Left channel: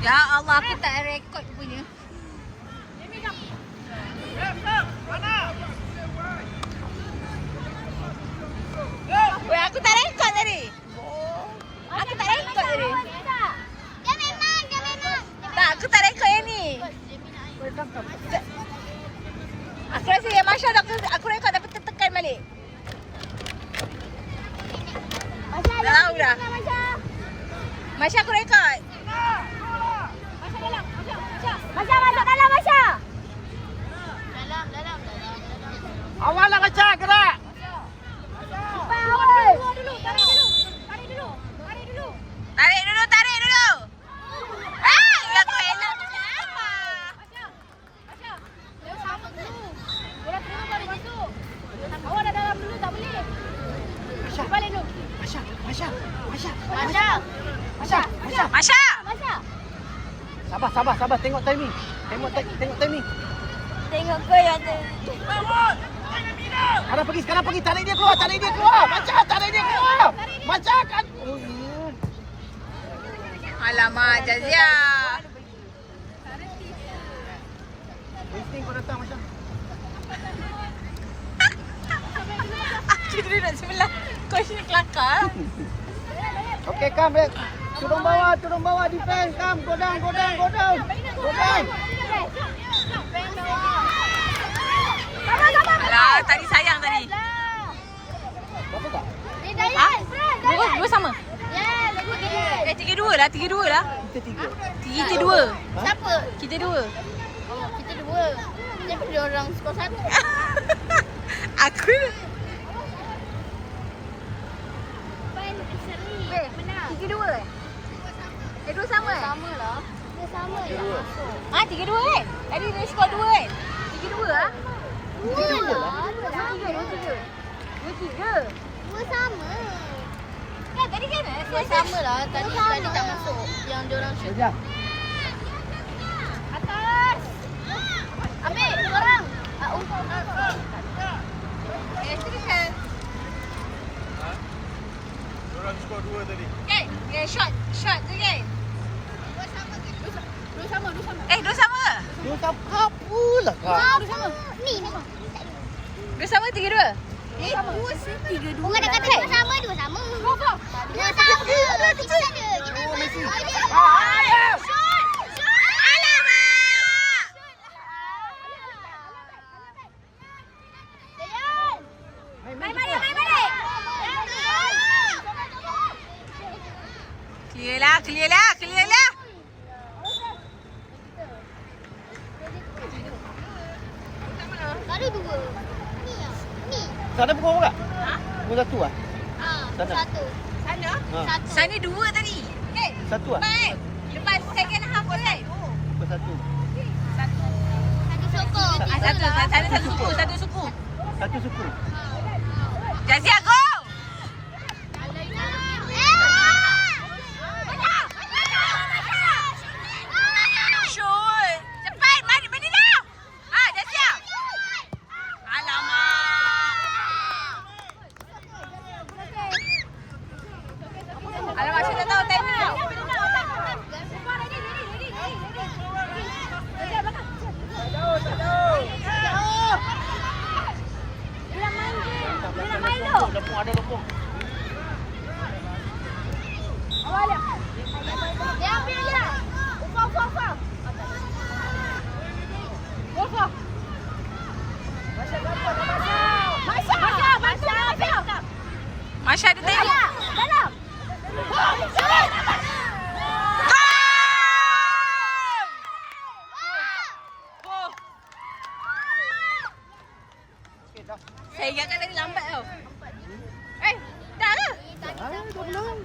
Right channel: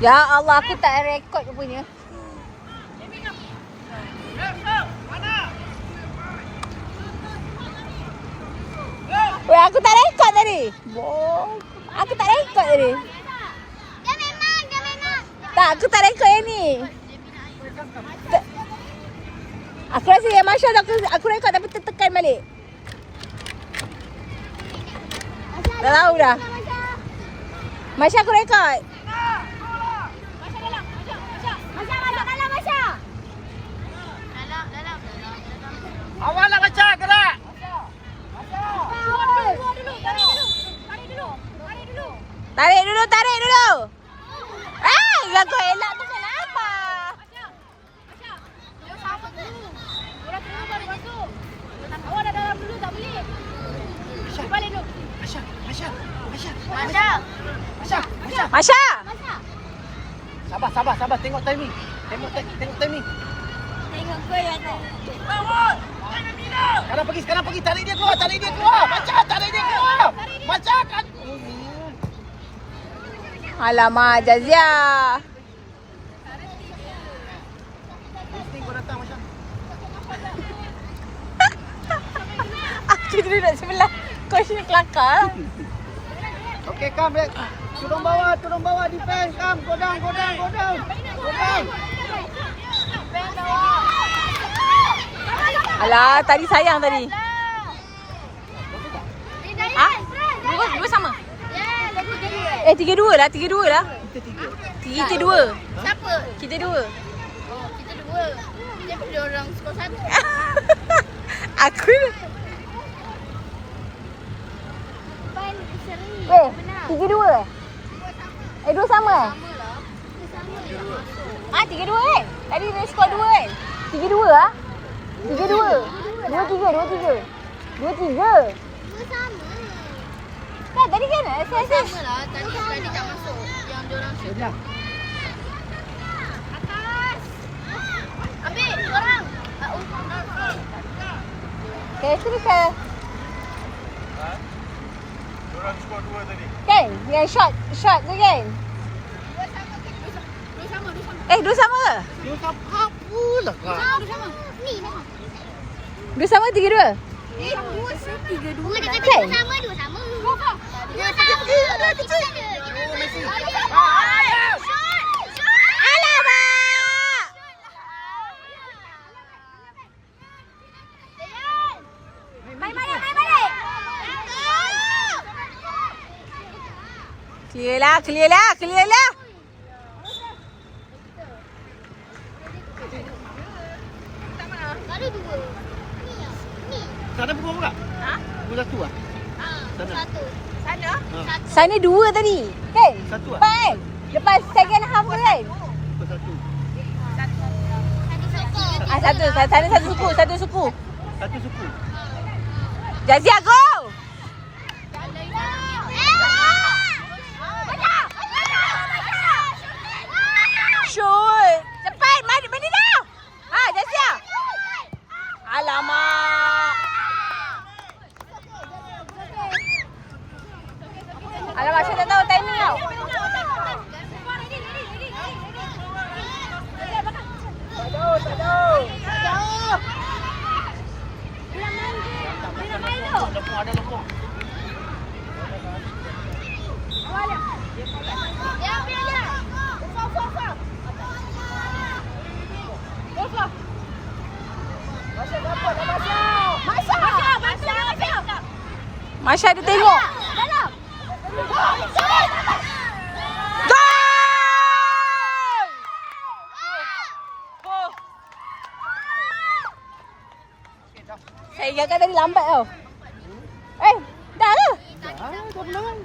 Ya Allah, aku tak rekod punya. Weh, aku tak rekod tadi. Aku tak rekod tadi. Dia memang. Tak, aku tak rekod yang ni. Aku rasa yang Masya aku rekod tapi tertekan balik. Dah tahu dah. Masya aku rekod. Masya masuk dalam Masya. Awal lah Masya, gerak. Tarik dulu. Aku elak tu kenapa? Masya. Sabar. Tengok timing. Tengok kau yang tu. Sekarang pergi. Tarik dia keluar. Macam tarik dia keluar. Macam kan. Alamak, Jazia. Insting kau datang Masya. Aku duduk sebelah coach ni kelakar. Okey, come back. Turun bawah defense. Come, go down. Alah, tadi sayang tadi. Berapa tak? Ha? Dua sama. 3-2 lah. Kita 3. Kita dua. Siapa? Kita dua. Kita dua. Siapa dia orang skor 1? Aku. Pan seri. Benar. 3-2. Dua sama Dia sama lah. 3-2 kan? Tadi dia skor 2 kan? 3-2 lah. 3-2. 2-3. Dua sama. Kan tadi kan? Sama lah. Tadi tak masuk. Yang diorang shoot. Sekejap. Atas. Ambil orang. Itu bisa. Diorang skor 2 tadi. Kan? Yang shot tu kan? Dua sama ke? Dia tak apalah kak. Dua sama. Ni memang. Dua sama 3-2? Dua dah kata dua sama. Dua sama. Alamak! Main balik. Clear lah. Tadi dua. Ni. Sana pukul berapa? Ha? Pukul 1 lah. Sana. Satu. Sana? Ha. Sana 2 tadi. Kan? 1 lah. Lepas kan? Lepas second half tu kan? Pukul 1. Satu. Sana satu suku. Satu suku. Jazia go! Shoot! Cepat! Mandi dah! Jazia! Alamak! Alamak, saya tak tahu timing tau. Tak tahu. Dia nak main tu. Ada lepuk. Dia ambil je. Ufak. Masya ada tengok. Dalam. Gol! Saya ingatkan tadi lambat tau. Dah lah. Dah menang.